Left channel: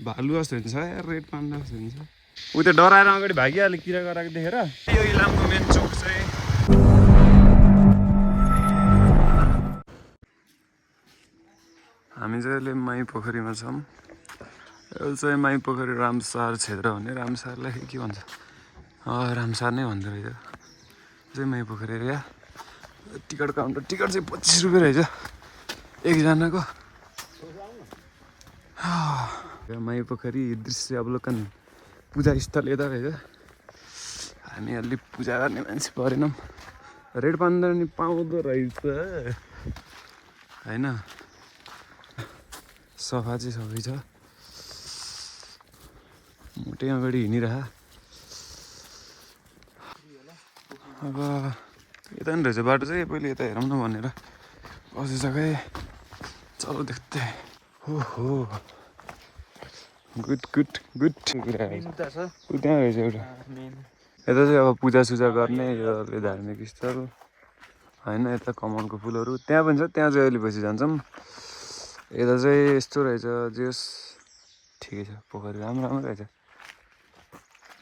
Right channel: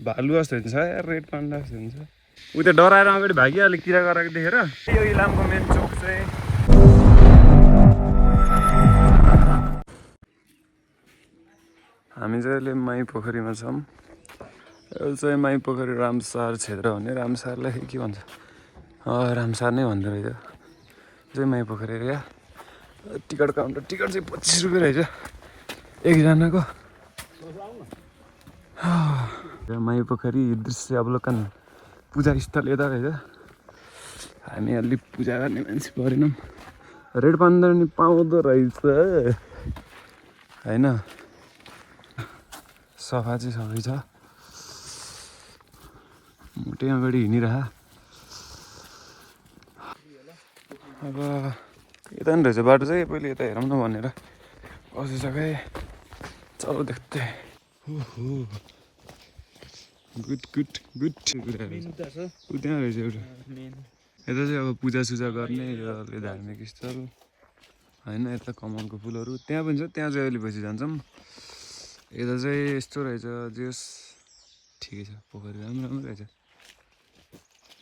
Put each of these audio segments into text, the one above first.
भालु जस्तो हुन्छ यार, रेड पान्डा जस्तो हुन्छ। ऊ त्यो डराएर अगाडि भागिहाल्यो किरा गराएको देखेर। यो इलामको मेन चोक चाहिँ हामी चाहिँ अहिले माई पोखरीमा छौँ। यो चाहिँ माई पोखरी रामसार क्षेत्र भन्ने, रामसारलाई के भन्छ, रामसार नै भन्दो रहेछ। चाहिँ माई पोखरी एरिया। टिकट काउन्टर, टिकट चाहिँ 25 रुपियाँ रहेछ एकजनाको। माई पोखरी दृश्य अवलोकन पूजा स्थल यता रहेछ। हामी अलि पूजा गर्ने मान्छे परेनौँ। रेड पान्डा नि पाउँदो रहेछ होइन। सफा चाहिँ सबै छ। मोटै अगाडि हिँडिरह। अब यता नि रहेछ बाटो चाहिँ, पहिले यता हेरौँ न भनेर कसो छ खै। चलो देख्दै। हो गुड गुड गुड कुरा त्यहाँ रहेछ एउटा। यता चाहिँ अब पूजासुजा गर्ने यो धार्मिक स्थल होइन। यता कमलको फुलहरू त्यहाँ पनि छ, त्यहाँ चाहिँ अहिले पछि जान्छौँ। यता चाहिँ यस्तो रहेछ, जेस ठिकै छ। पोखरी राम्रो राम्रो रहेछ,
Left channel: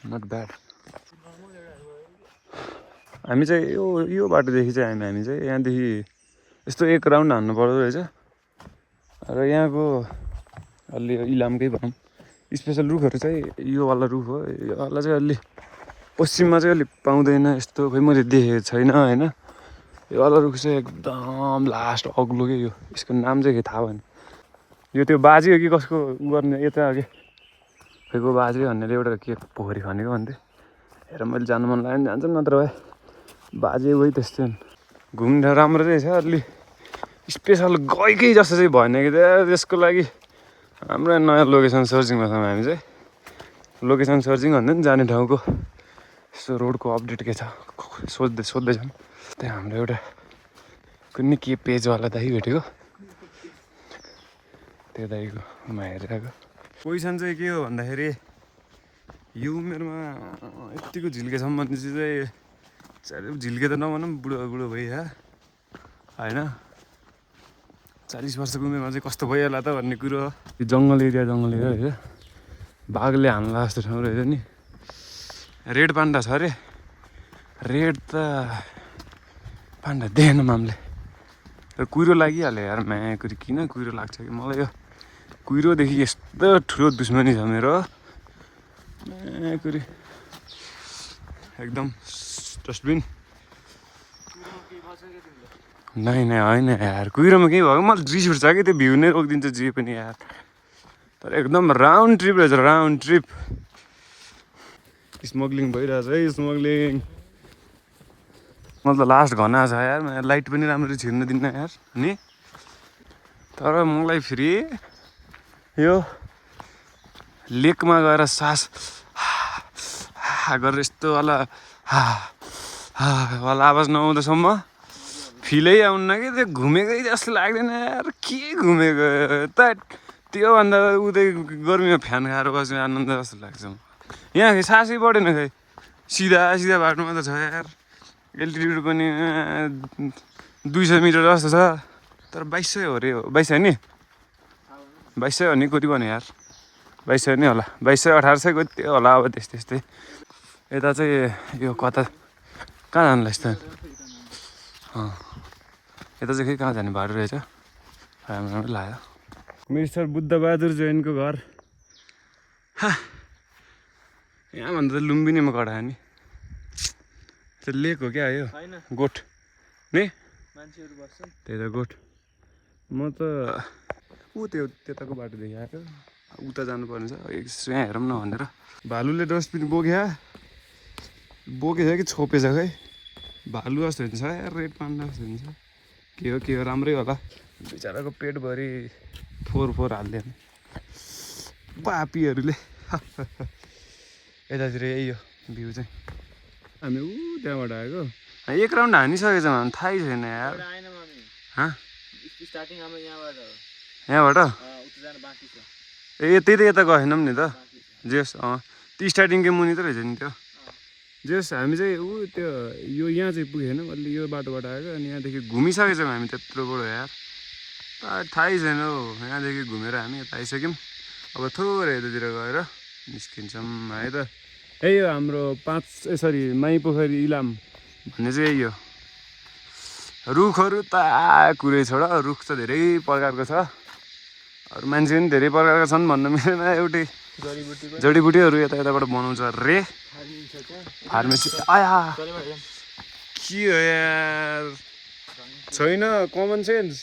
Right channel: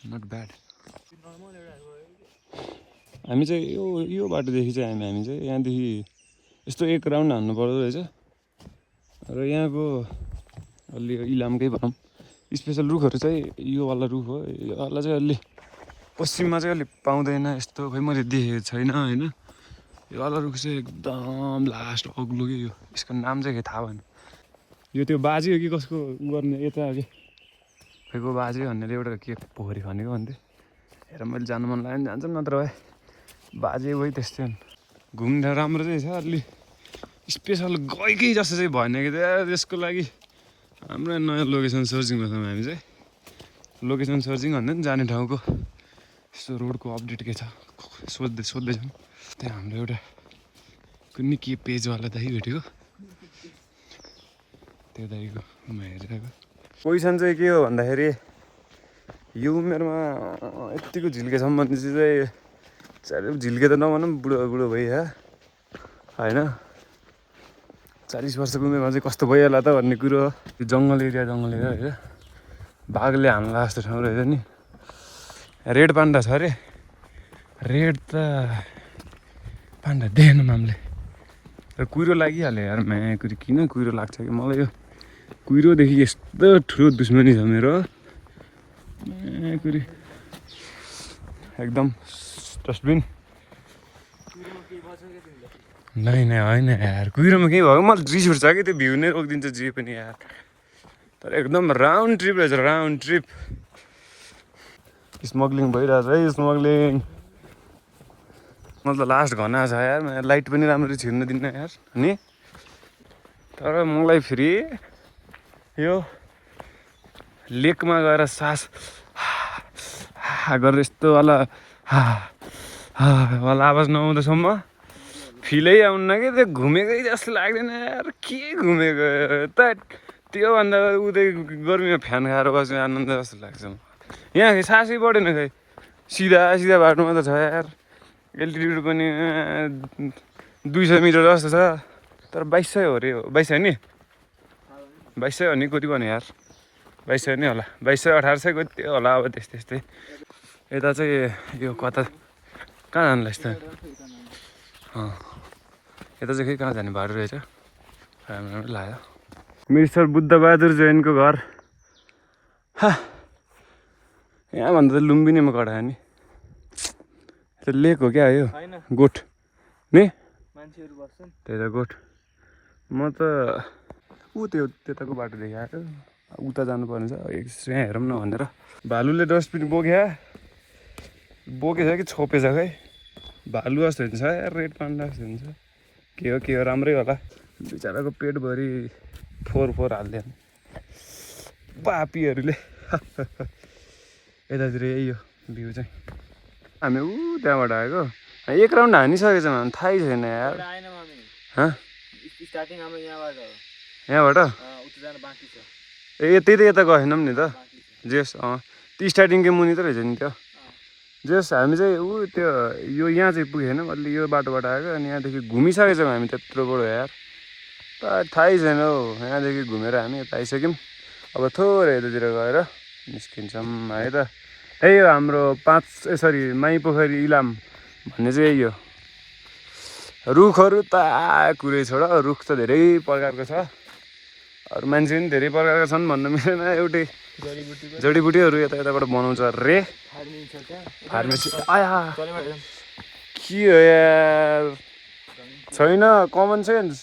नट ब्याड। हामी चाहिँ यो बाटोदेखि चाहिँ हामी चाहिँ यहाँदेखि यस्तो एक राउन्ड हान्नु पर्दो रहेछ। र यहाँको अलि इलामकै भनौँ स्पेसल रुखहरू चाहिँ योवाला रुख हो। योवाला चाहिँ अलि पश्चिममा चाहिँ अलि पाउँदैन यस्तो, खै मैले देखेको छैन होइन। योवाला रुख चाहिँ एकदम लास्ट अग्लो के यो, यसको नाम चाहिँ के थाहा भएन। यो त्यो बाजे हो कि कसको उ गर्ने यता के खैको बाजे भन्नेले एउटा के पोखरी खनेको भन्थे। हेर मैले जानु मन लाग्यो भने जान्छु, नत्र भए बाजे उही त्यस्तै हुन्। घुम्न राम्रो चाहिँ छ, अलि स्पेसल गएकै जस्तो चाहिँ भएन कि त्यसको लागि हाम्रो नयाँ लोकेसन सर्चिङमा छौँ हामी चाहिँ। लोकेसन सर्चिङ भन्दा नि जाने ठाउँको यस्तो रोडको अपडेट के छ सोध्दैछौँ। त्यहाँ हाम्रो एउटा कुनै के पेजवाला दाइ भेटेको, त्यो दाइकोमा हेरिरहेको। पोजिसन चाहिँ के हो भन्दाखेरि यो उमेरमा यत्तिको झिल्केसम्म चाहिँ झिल्के त नभनौँ, बुढो भइहाल्यो होइन। 40 वर्षको उमेरमा चाहिँ कस्तो भइहाल्ला त भन्ने कुरो हो। यो जङ्गल एरिया रहेछ, बाघले हान्ला जस्तो ठाउँ रहेछ नि। रेड पान्डा छ अरे। रेड त पान्डा देखेन मामले। कुहिरो लागिहाल्यो यार, कुरो किन कुहिरो लाग्छ कि मलाई। यो कुहिरोदेखि यस्तो ठुलो दुश्मनी छ मेरो, कुरी एकदम डस्टबिन। नै होइन यार, कुहिरोमा केही भयो मलाई रिस उठ्छ कि त्यो भ्यू नै रोकिदिन्छ जे पनि यार। तर एकदम राउन्ड ट्रिप रहेछ, राउन्ड ट्रिप। स्मग्लिङ भइरहेछ है, स्मग्लिङ। मलाई त लास्ट घना छ यार, लाइट पनि राम्ररी छिर्न दिन्न यार नि। तर मलाई फेरि यो लेकमा गएर सास गरेर यस्तो वाला आवाज नआउँदासम्म फिलै आउन्न कि त्यो घुमेकै जस्तो लाग्दैन यार। के घुमेको त, त्योभन्दा उतै गर्मीमा फ्यान खाएर बस्ने आनन्द जस्तो लाग्छ। यहाँ सासै बढेन खै, सिधा बाटोमा त छ यार। एल्टिट्युड पनि 200 मिटर जस्तो छ, तर 2200 हो अरे। 2200 नि, 2200 हो नि कति भन्यो यार, 2200 नै होला, 2200 1800 कति होला अब त्यस्तै। यता चाहिँ यो कता कहाँ जानुलाई यस्तो यता चाहिँ खै कहाँ जाने बाटो रहेछ, राम्रो लाग्यो। मिस्टर बुद्धबहादुर जैनको घर यहाँभन्दा त लुम्बिनीमा कटायो नि। त्यो लेक हो क्या यो, गोठ नि त्यही त गोठ। म त त्यो त्यताको बाटो देखाएर उता जानुपर्ने छ, यहाँ हेरौँ न भनेर। भालुले डस्टबिन बोकेछ कि छोपेछ खै। भालु जस्तो हुन्छ यार, रेड पान्डा जस्तो हुन्छ। के हो राम्रै होला। बिचराको पेटभरि फोहोर हालिदियो पापीहरूले। यतातिर यही हो भ्यू चाहिँ। हामी त्यहाँबाट आएको, एक राउन्ड हानिसकेछ भने थाहै छैन यार। यहाँबाट ए त्यही त यता गएनौँ नि त। जेस त्यो स्टार्टिङकै मुनि त रहेछ नि त्यो। जेस हामी चाहिँ त्यो यहाँ चाहिँ पुगेनौँ, अलि यो बाटोबाट आएको। अनि यहाँदेखि घुमिसकेछौँ हामी त्यत्रोबाट यार, त थाहै छैन हौ। यहाँदेखि घुमेर हामी यता आइसक्यौँ। अब थोरै यतातिर गएर निस्किन्छौँ है त। यही हो हाम्रो माई पोखरी इलाम भन्ने चाहिँ यही हो। रुखहरू त कुरै छोड, रुख त धेरै प्रकारको छ, अरू मान्छे पनि धेरै प्रकारका छन् भन्न मिलेन। एउटै जडीबुटीहरू यताबाट बनाउँछ रे फार्मेसी। आया के हो यार, छैन कमन सेन्स।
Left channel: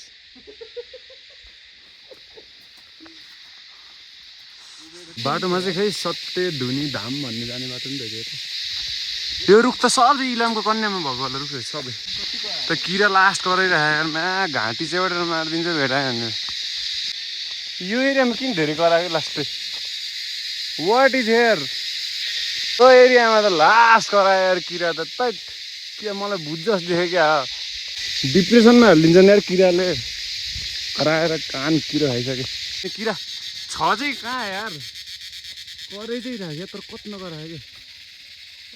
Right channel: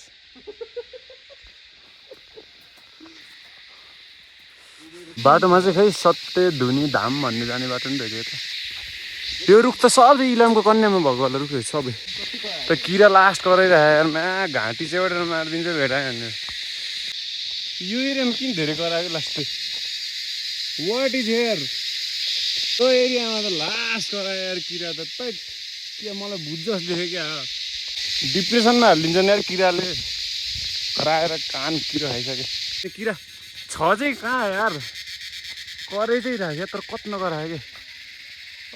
बाटोमा चाहिँ खै सत्य धुनी धाम भन्ने जाने बाटो नि रहेछ त। यो रुख त सबै इलामको कन्यामा भएको होला रुख सबै त। किरा लास्ट कराइरहेको यार, घाँटी चेउडेर मारिदिन्छ भेटायो भने। यो एरियामा किन धेरै करायो लास्ट वाट इज हेयर। त्यो एरियामा त लास्ट करायो यार किरा त। के मलाई बुझ जस्तो देख्यो क्या, डिप्रेसनमा हालिदिन्छ नि यार किराले कराएर। कान किरा खाइसक्यो त्यो किरा छ चाहिँ कहाँ यार, कराइ चाहिँ राख्यो तर कति नकरायो कि।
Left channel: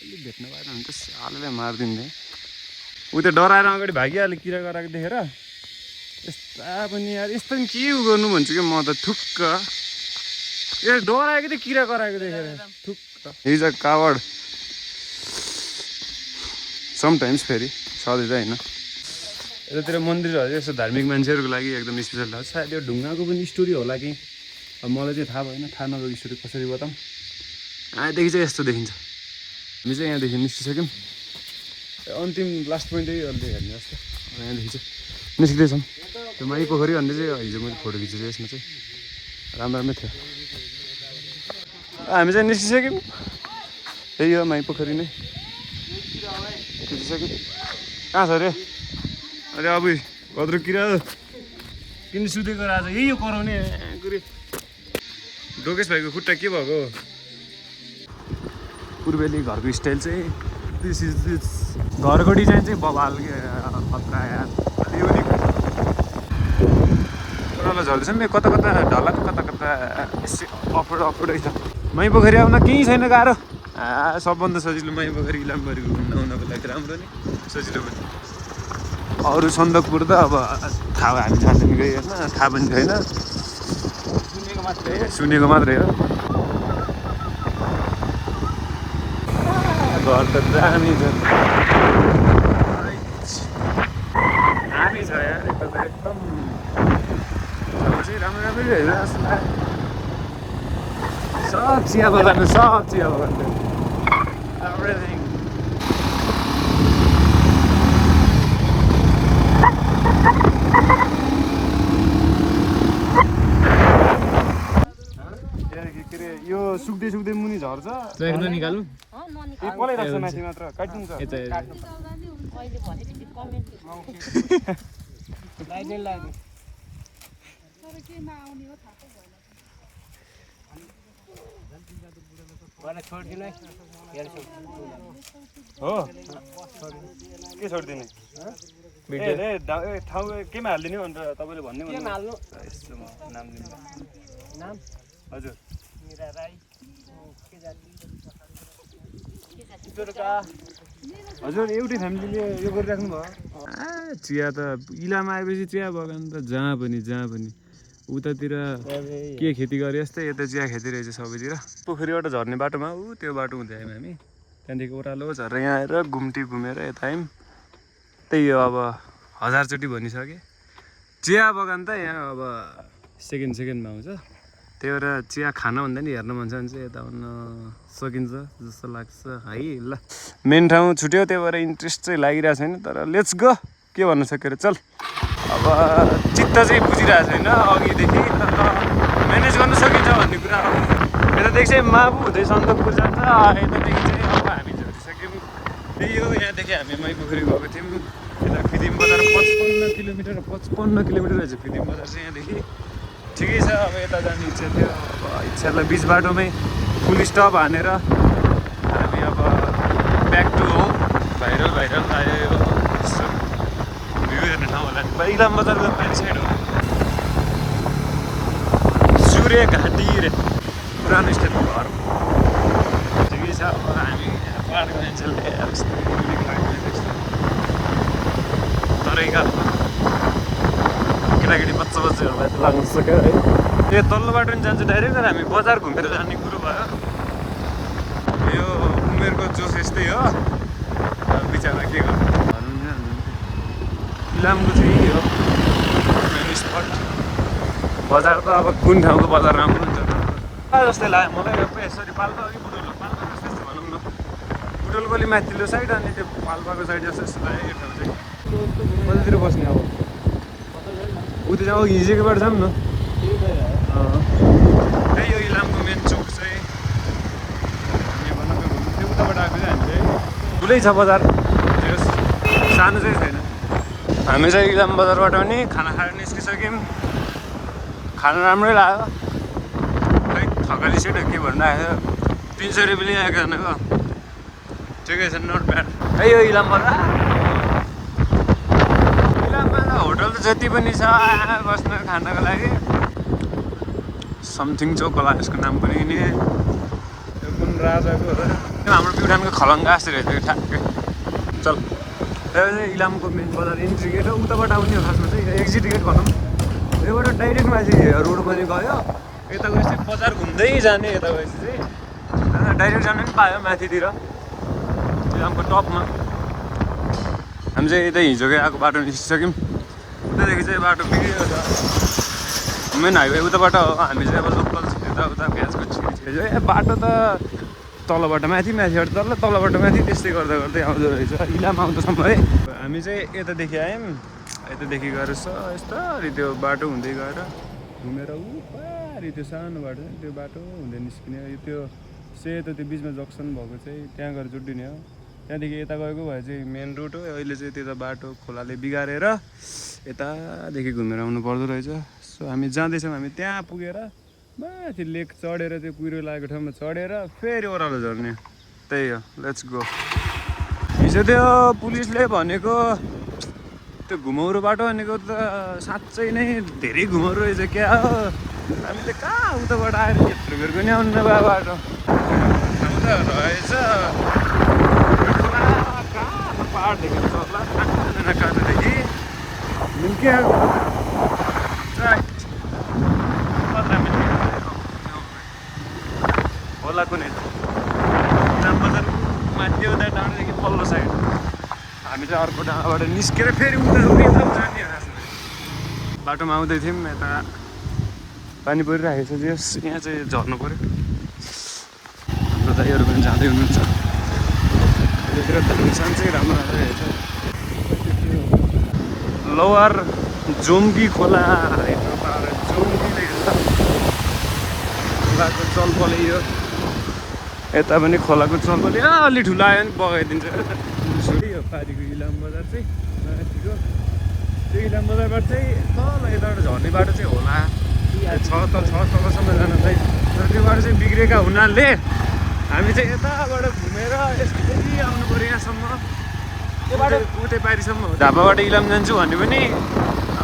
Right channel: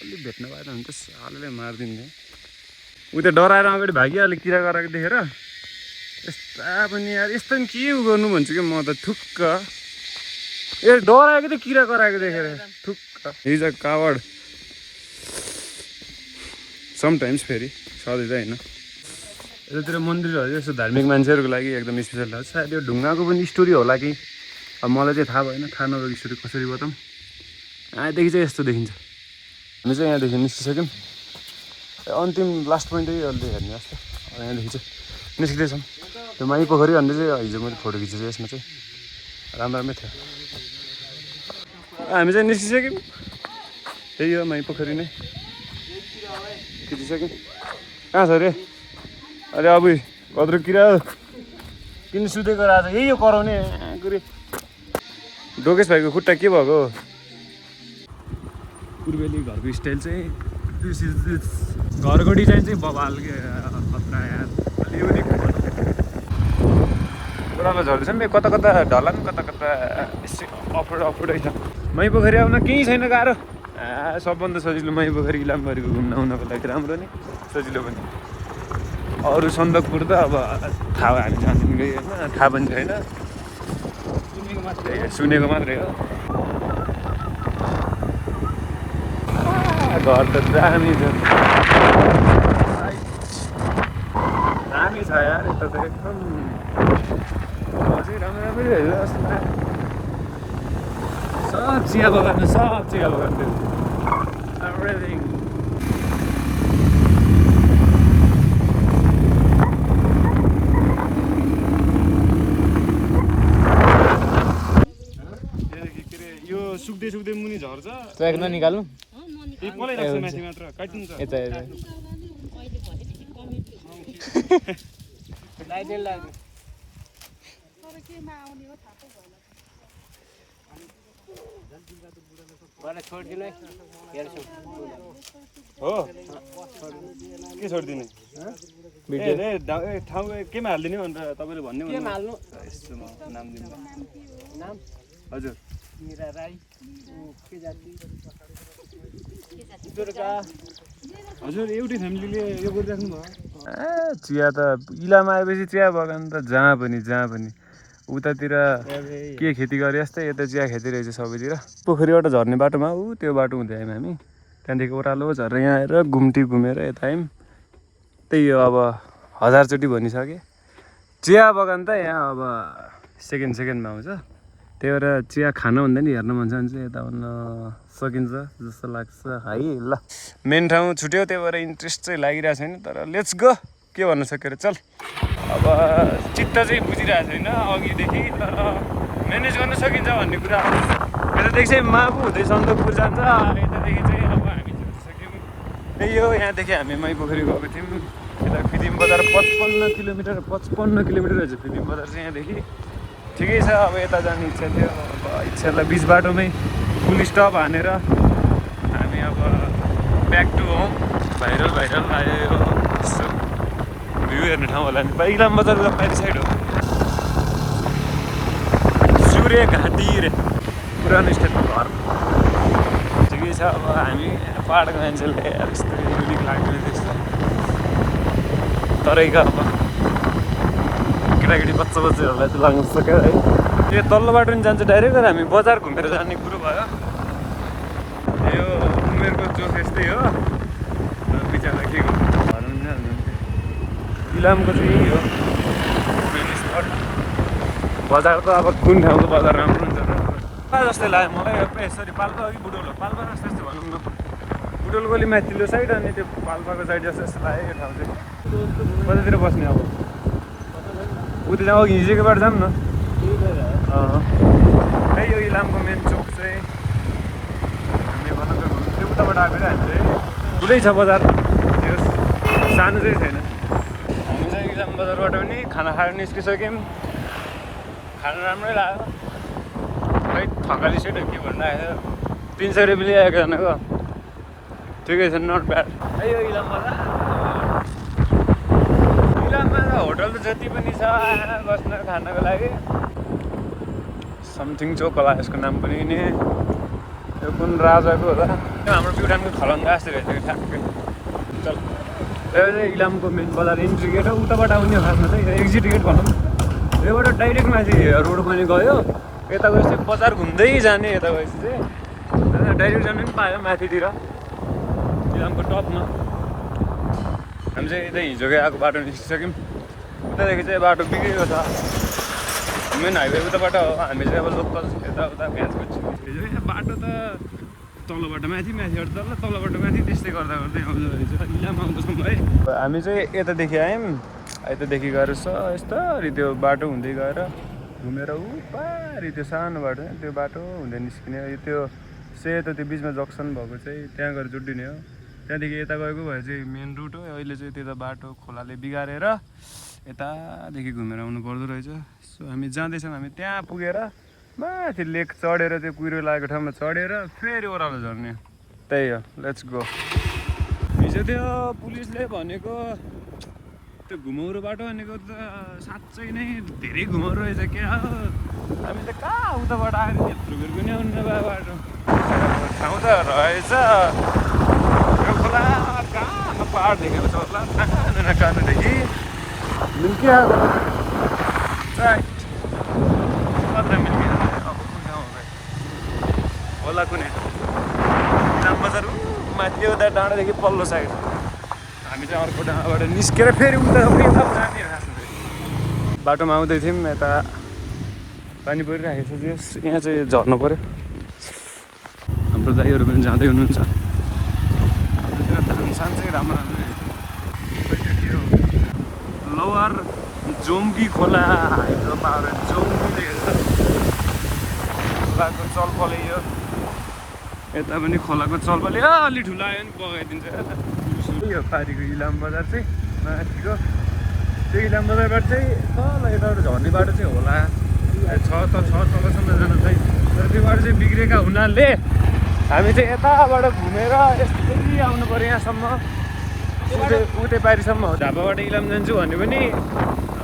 अलिक भेट्न पाएन भने त सालले मारिदिन्थ्यो। ऊ त्यो डराएर अगाडि भागिहाल्यो किरा कराएको देखेर। यस्ता पनि यार, यस्तो पनि के गर्नु भन्छु कि म त थुक्क। डराएको थियो किरा कराएको देखेर थुक्क। हिज अ कावर्ड समटाइम्स, फेरि सधैँ चाहिँ होइन। यतातिर मन्दिरहरू यस्तो धार्मिक मान्छेहरूको लागि एकदम स्पेसल हो। सायद यो ढुङ्गाको पनि स्टोरी होला कि, अब मलाई चाहिँ थाहा भएन। थाहा नभएको स्टोरी कसरी बताऊँ। यहाँदेखि चाहिँ यस्तो देखिन्छ। हामी चाहिँ यहाँदेखि निस्किसक्यौँ। अन्तिम लास्ट पोइन्ट चाहिँ अहिले हेर्ने जस्तो। यहाँदेखि चाहिँ निस्किँदैछौँ। त्यो माई पोखरी भन्ने चाहिँ हिजो मैले फोटो खिचेको यसमा चाहिँ राम्रो राम्रै थियो। हामी चाहिँ निस्किसक्यौँ। त्यही हो माई पोखरी नै खिचिसक्यौँ। कहाँ छ अरे? अरे अब कत्रो किरा किन सुतेको रहेछ। यही हो कराउने कुरी। डोकेश भाइको खुट्टा के भएको? पूर्वेली घरको स्टाइल चाहिँ दिस इज दिस। घरको डिजाइन चाहिँ बबाल के खतरा यार। ओह्रालो झर्दैछ नि, कता कता ढलान कता कता अफरोडै छ। माई पोखरी आउन केही छैन गाह्रो। सबभन्दा सजिलो माई पोखरी इलामबारीको घुम्न आउनको लागि राम्रो नि सजिलो पनि। अरू सन्दकपुर त अब थाहा हामी जान्दैन गयो होइन, थाहा पनि छैन, सुनेको मात्रै हो। घर त दामी छ, दामी छ यार। यता त एकदम राम्रो राम्रै हेरेर जस्तो लाग्यो। सब चिया बगान, सब चिया बगान एभ्रिथिङ। यो सुक्दै सुक्दै मुनि झर्छ। निकाल्नु पलै लाग्छ माथि मात्र काटिदिन्छ। हो के छोडिदिने ठाउँ केमा हालिदिने भनेर तपाईँले भन्ने नाम? हजुर हजुर एउटै फ्यामिलीले यो गरिराख्नु भयो। चिया त इलाम आएपछि चिया बगान त जहाँ पनि उतातिर के खेती गरे जस्तै यता चिया खेती रहेछ सबैतिर। पोखरीबाट झर्ने बाटोमा त्यो बाटो हुँदै आयौँ हामी। त्यहाँदेखि ओह्रालो झरेर यहाँ आएर घुम्टी घुमेर यता आयौँ। त्यही हो अब 1000 चोटि भनिसकेँ। चिया बगान त यहाँ अब सेकेन्डमा आउँछ। त्यही भएर चिया खानुभन्दा नि हेर्न मन छ भने चाहिँ यता आउन सकिन्छ जस्तो लाग्छ है। ल मेन ठाउँ छुट्यो, त्यही भएर इन्ट्रेस्ट चाहिँ लागिरहेको छैन, तर लेट्स गो। के भन्न सक्यो चल। अब चित्त चाहिँ बुझिरहेको छैन अघिदेखि, म्यानेज गर्न सकिन्छ भन्ने कुरा हो। यतादेखि चाहिँ माबु हुँदै सन्दकपुर जान्छ, यतादेखि चाहिँ अब हामी झुटिसक्यौँ। त्यही हो, यहाँदेखि हामी माई पोखरी गएको थियौँ। यता फिदिम बजार 55 किलोमिटर रहेछ फिदिम बजार चाहिँ यहाँदेखि। ठिकै छ। अब यता जाने इच्छा थियो, अब इच्छालाई बिच बाटोमै फुल स्टप हानेर हामी अब ब्याक टु होम। भाइरल आयो भ्यू हेर्ने ठाउँ होला नि। इलाम बजार बाहिर साइड हो। सूर्य घाँटी रे पुरानो स्टेटमा घर। ठिकै छ। अब हामी पाहाडको मान्छेले यस्तो युनिक लाग्दैन त्यस्तो। तरै अब केटाकेटी बच्चाहरूलाई लाग्न सक्यो है। यो तल्लो बाटो नि जान्छ डाइरेक्ट, तर हामी बजार घुमेर जाने कुरो भयो। यो उमेरको जोस यस्तै हो। बिचरा के भनौँ न, इलामको चाहिँ यही हो मेन स्पट। बजार त अब कुन ठाउँको बजार राम्रो हुन्छ जस्तै लाग्यो मलाई। यसरी पाल्पा हो कि बुटोल हो, पाल्पा जस्तो जस्तो भनौँ न। बुटोलको अलि माथिल्लो साइड अनि त्यो पाल्पाको साइड जस्तो जस्तो लाग्यो यो ठाउँ चाहिँ। कतितिर बस्ने अब उता जाउँ, हिजोको बाटो जाऊँ न। त्यही हो इलामको मेन चोक चाहिँ। हामी भनौँ त्यो उताबाट आएको चाहिँ हामी चाहिँ ठुलै छ बजार, सानो चाहिँ छैन। हामी चाहिँ इलाम बजारबाट पनि खाना खाएर निस्किसक्यौँ। खाना राम्रै लाग्यो, खै थकाली सेट के भन्नु आयो। 300 रुपियाँ ल्याएको एकजनाको, ठिकै छ, नट ब्याड। त्यही हो इलाम बजार। इलाममा होटल त जति पनि छ बस्न खानको लागि। समथिङ चोक होला यसको नाम पनि नि। यो कुन राजाको होला, हाम्रो प्युठानको खलङ्गा जस्तो रहेछ कि ठ्याक्कै। चल, यो चाहिँ इलामको मेन बजार इन्ट्री गेट हो। उताबाट आउने हो खासमा चाहिँ, एक्जिट गेट भनौँ। योबाट डाइरेक्ट माथि रोड पनि गयो, यता गएपछि बजार घुम्दै जाने। यता गएपछि चाहिँ डाइरेक्ट जानु पनि पायो माथितिर इलामको टपमा। हामी चाहिँ यतै हिजोकै आएको बाटो निस्किसक्यौँ। उतादेखि चाहिँ बाटो बिग्रियो छ, मेन हाइवे उताबाट हो। हामी चाहिँ अब लोकल यताउता भ्याजको छिटो। बाटो त तलबाट माथि, माथिबाट तल, तलबाट माथि, त्यस्तै गर्दा गर्दै आउँदो रहेछ इलाम आउँदासम्म है। हामी चाहिँ यतादेखि आयौँ, यतादेखि गएर यस्तरी त्यो बाटो हुँदै गएर घुमेर पारि त्यो सानो बाटो त्यो बाटो हुँदै निस्किने। त्यो सेतो त्यो बिचमा जक्सन भएको चाहिँ त्यहाँ गएर जोडिने हो। त्यहाँदेखि यता गएको भए चाहिँ मेन रोड हो। अहिले चाहिँ त्यता बाटो खोलाले बिगारेर यतादेखि घुमेर आउनु पर्दो रहेछ। सो हामी जाँदैछौँ। हामी त्यहाँ पुगेर माथि लेक चढेर त्यो कुहिरो लागेको ठाउँमा चढेर फेरि ओह्रालो झर्ने। त्यही हो, लेट्स गो। हिजो त्यो पुलिसले भनेको त्यो घुमाउरो बाटो भनेको त साँच्चै नै धेरै घुमाउरो रहेछ क्या हो। हामी त कहाँ उताबाट आएर यत्रो बेर पनि आउनु नभए बाटो उता रहेछ। यो खोला कहाँ पाहाड देखेको छ होला, कहाँ कानुदेखि मिल्क्या होला कुनै इलाम बजार माथि उता डाँडादेखि पल्लो साइड। हामी चाहिँ अर्को डाँडाबाट निस्केर फेरि उता जाने बाटोमा आउँदै थियौँ। यता पानी परिरहेको छ, यहाँ चाहिँ झर्नु पऱ्यो। हाम्रो दाइहरू पनि जाँदै हुनुहुन्छ। त्यतिर धानसान चाहिँ राम्रो राम्रो रहेछ। लोवर जोम्गी खोला हाइड्रो पावर जोम्गी रहेछ। खोलाको चलपल यो यता पनि खोलाको चलपल अलि ठुलो आयो भने बगाइदिन्छ। यो पारिको इलाम बजार चाहिँ माथिको त्यो इलाम बजारबाट चाहिँ तल यताबाट झर्ने बाटो चाहिँ होला छ तलसम्म जान चाहिँ। तर त्यो बाटो चाहिँ बिग्रेका हुनाले हामी चाहिँ यताबाट घुमेर यस्तै आउनु पऱ्यो यहाँसम्म, उतै पारिसम्म हो। ढाबाबाट इलाम जान्छु भने पनि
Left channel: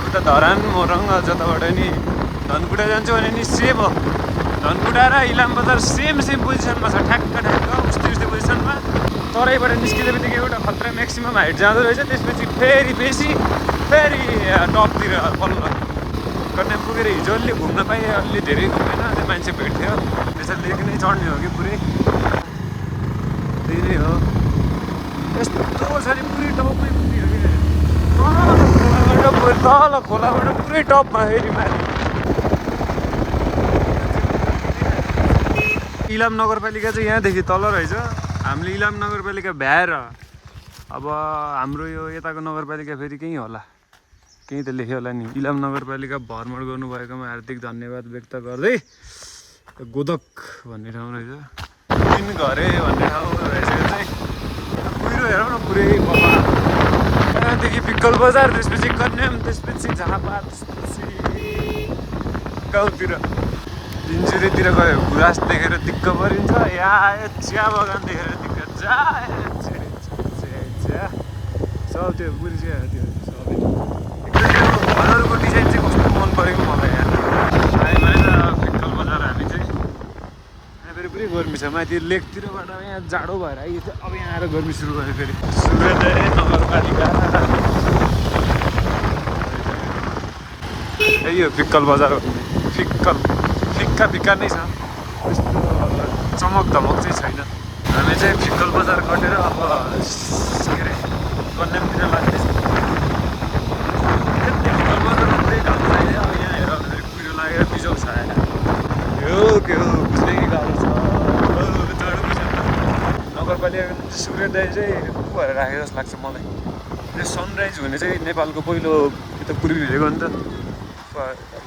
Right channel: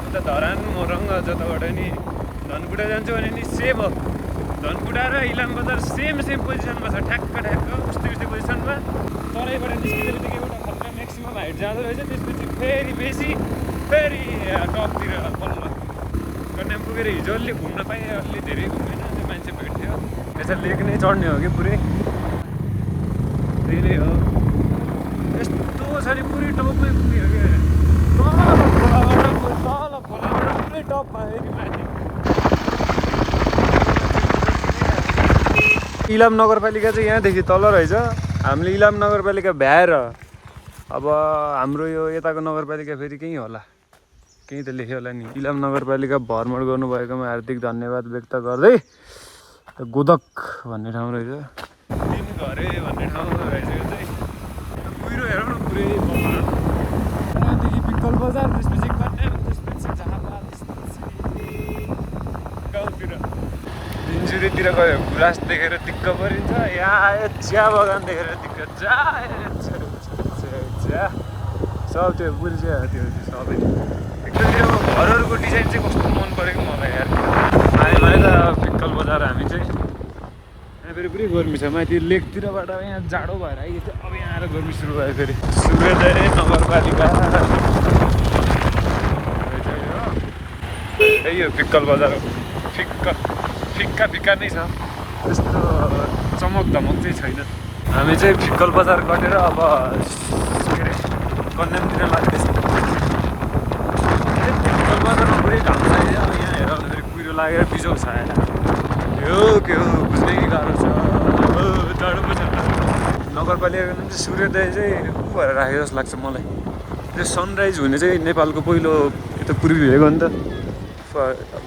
उता धरान मोरङ जताबाट नि धनकुटा जान्छु भने नि सेम हो। धनकुटा र इलाम बजार सेम पोजिसनमा छ, ठ्याक्क उस्तै पोजिसनमा। तराईबाट निस्किँदै बित्तिकै एउटा खतरा म्याक्सिमम हाइट जाँदो रहेछ। त्यसपछि फेरि बेसी फेरि टपतिर बल्ल कन्याम पुगेर हिजो अलि घुम्न पाएँ, अलि धेरै घुमेन, त्यो मान्छे भेट्थ्यो। यसरी लेक नै चढ्ने हो कि पुरै, त्यही नै हो। यस्तो छ नि पुरै टपमै पुग्यो कि तल खोलाबाट पुरै टपमा फेरि माथि। इलाम नगरपालिका चाहिँ यहाँदेखि तल रहेछ। हामीले इलाम नगरपालिका भ्याएर अब हाम्रो यो यताको नगरपालिका फेरि केही होला, केही त लेख्यो होला नि। इलाम नगरपालिका भ्रमण गर्नुभएकोमा हार्दिक धन्यवाद व्यक्त गर्दै गोदक भन्ने ठाउँ रहेछ, तिन घरे भन्ने ठाउँ रहेछ। यो चाहिँ कुहिरो हेरौँ न पुरै खोला, त्यहाँदेखि पिक्कल बजार, त्यसपछि कन्याम, त्यसपछि झापा, त्यसपछि गाउँतिर। इन्जुरीतिर गयो गुराँस देखेर दिक्क परिन्छ, यहाँ आयो चिया बगान देखेर दिक्क चिया सब त्यो पुरै चिया त्यो सबै। एकदम त्यो घरहरूको डिजाइन चाहिँ कस्तो मन परेको मलाई यार। आयो भाइ त पिक्कल बजार हामी चाहिँ। यहाँ फेरि पुरै गर्मी छ, माथि लेकतिरबाट यहाँ जाडो भएर आइयो थियो, अब यहाँ आएर गर्मी सुरु भयो फेरि। सूर्योदय नगरपालिका यही हो पिक्कल बजार हो। फिक्का फिक्का नै छ, त्यस्तो चमक धमक चाहिँ छैन। हामी चाहिँ फिक्कल बजार कटेर अब के अरे कन्यामतिर लाग्दैछ। फिक्कल बजारमा पुरै घाम लाग्यो, अब यहाँ हेर कुहिरो लागेर बिजोग छ यो के हो कहिले गएको छ डाँडो छ। नगरपालिकाको सूर्योदय चाहिँ भएर राखेको जस्तो लाग्छ मलाई। यो सनराइज हुने चाहिँ नेपालको पहिलो त पूर्वी भएको नि त,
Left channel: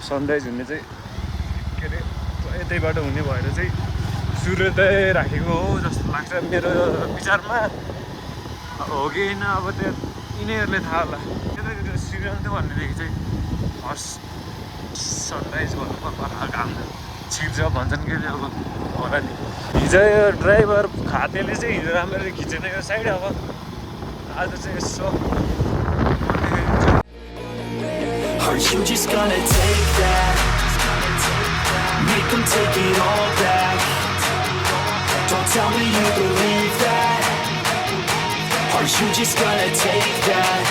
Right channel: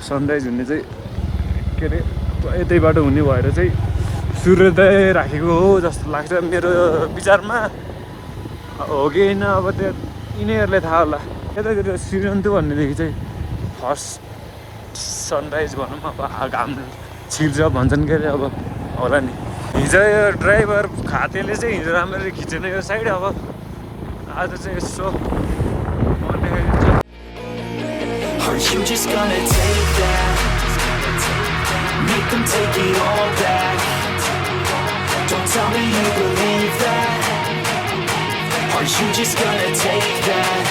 सनराइज हुने चाहिँ के अरे यतै बाटो हुने भएर चाहिँ सूर्योदय राखेको हो जस्तो लाग्छ मेरो विचारमा। हो कि होइन अब त्यो यिनीहरूले थाहा होला। यतातिर श्रीरन्तु भन्नेदेखि चाहिँ फर्स्ट सनराइज भनौँ, अब घाम छिर्छ भन्छन् के अरे, अब होला नि। हिजो यो ड्राइभर खातेले चाहिँ हिजो राम्ररी खिचेन यो साइड, अब आज चाहिँ यसो Are you just gonna take that? Make them take it all back. Don't tell me you believe that. Are you just gonna take that?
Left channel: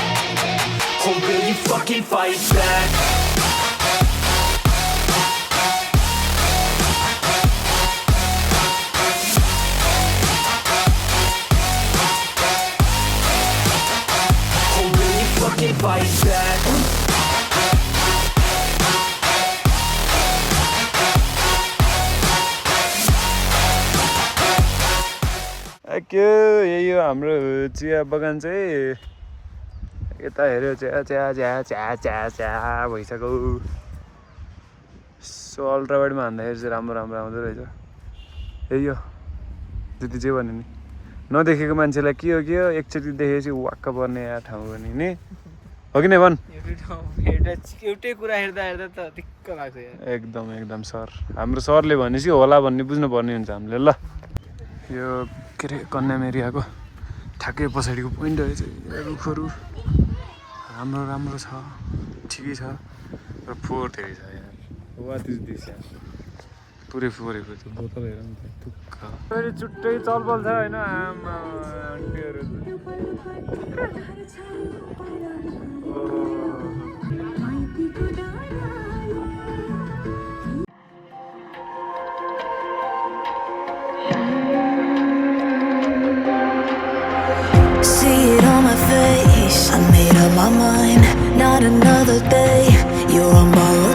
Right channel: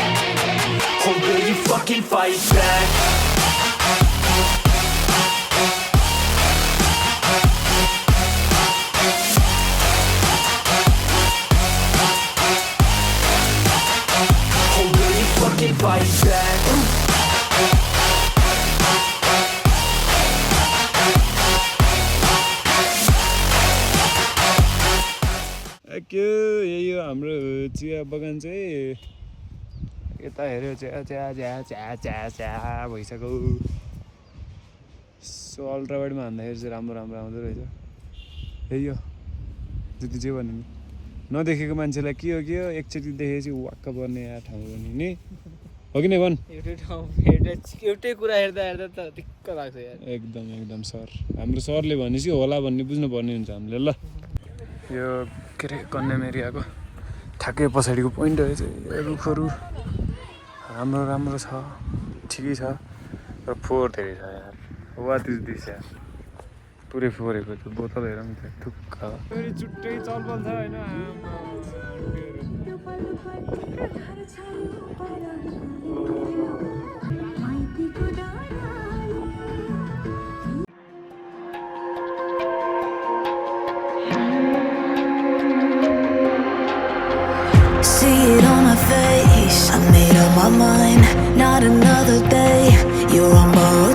Or will you fucking fight back? Or will you fucking fight back? के यही हो हाम्रो चिया बगान चाहिँ। यता हेऱ्यो चिया चिया चिया चिया चिया चिया भइसक्यो। सो अल्ट्रावाइडमा हान्दाखेरि चाहिँ राम्रो राम्रो आउँदो रहेछ। यही हो जति जे भन्यो नि, नदेखेको मान्छेलाई के हो एकचोटि देखेपछि वाक्क पर्ने यहाँ ठाउँ पनि नि, हो कि नै भन्। एउटै कुरा हेर्दा हेर्दा त दिक्क लाग्छ यार। एकदम सर, हाम्रो सरले भनेपछि होला भन्ने बुझ्नुपर्ने हुन्छ हामीले। ल यो के अरे कन्याम एरियाको ठ्याक्कै पछाडिको पोइन्टहरू चाहिँ रुखहरू राम्रो छ, ठिकै छ, र फोहोर धेरै छ यार। वा दिस यार पुरै फोहोरेको छ। बोतल हेरौँ त थुक्का फेरि छुट्टै चलपल छ होइन। See it on my face, I made up my mind. Not another day, you're on borrowed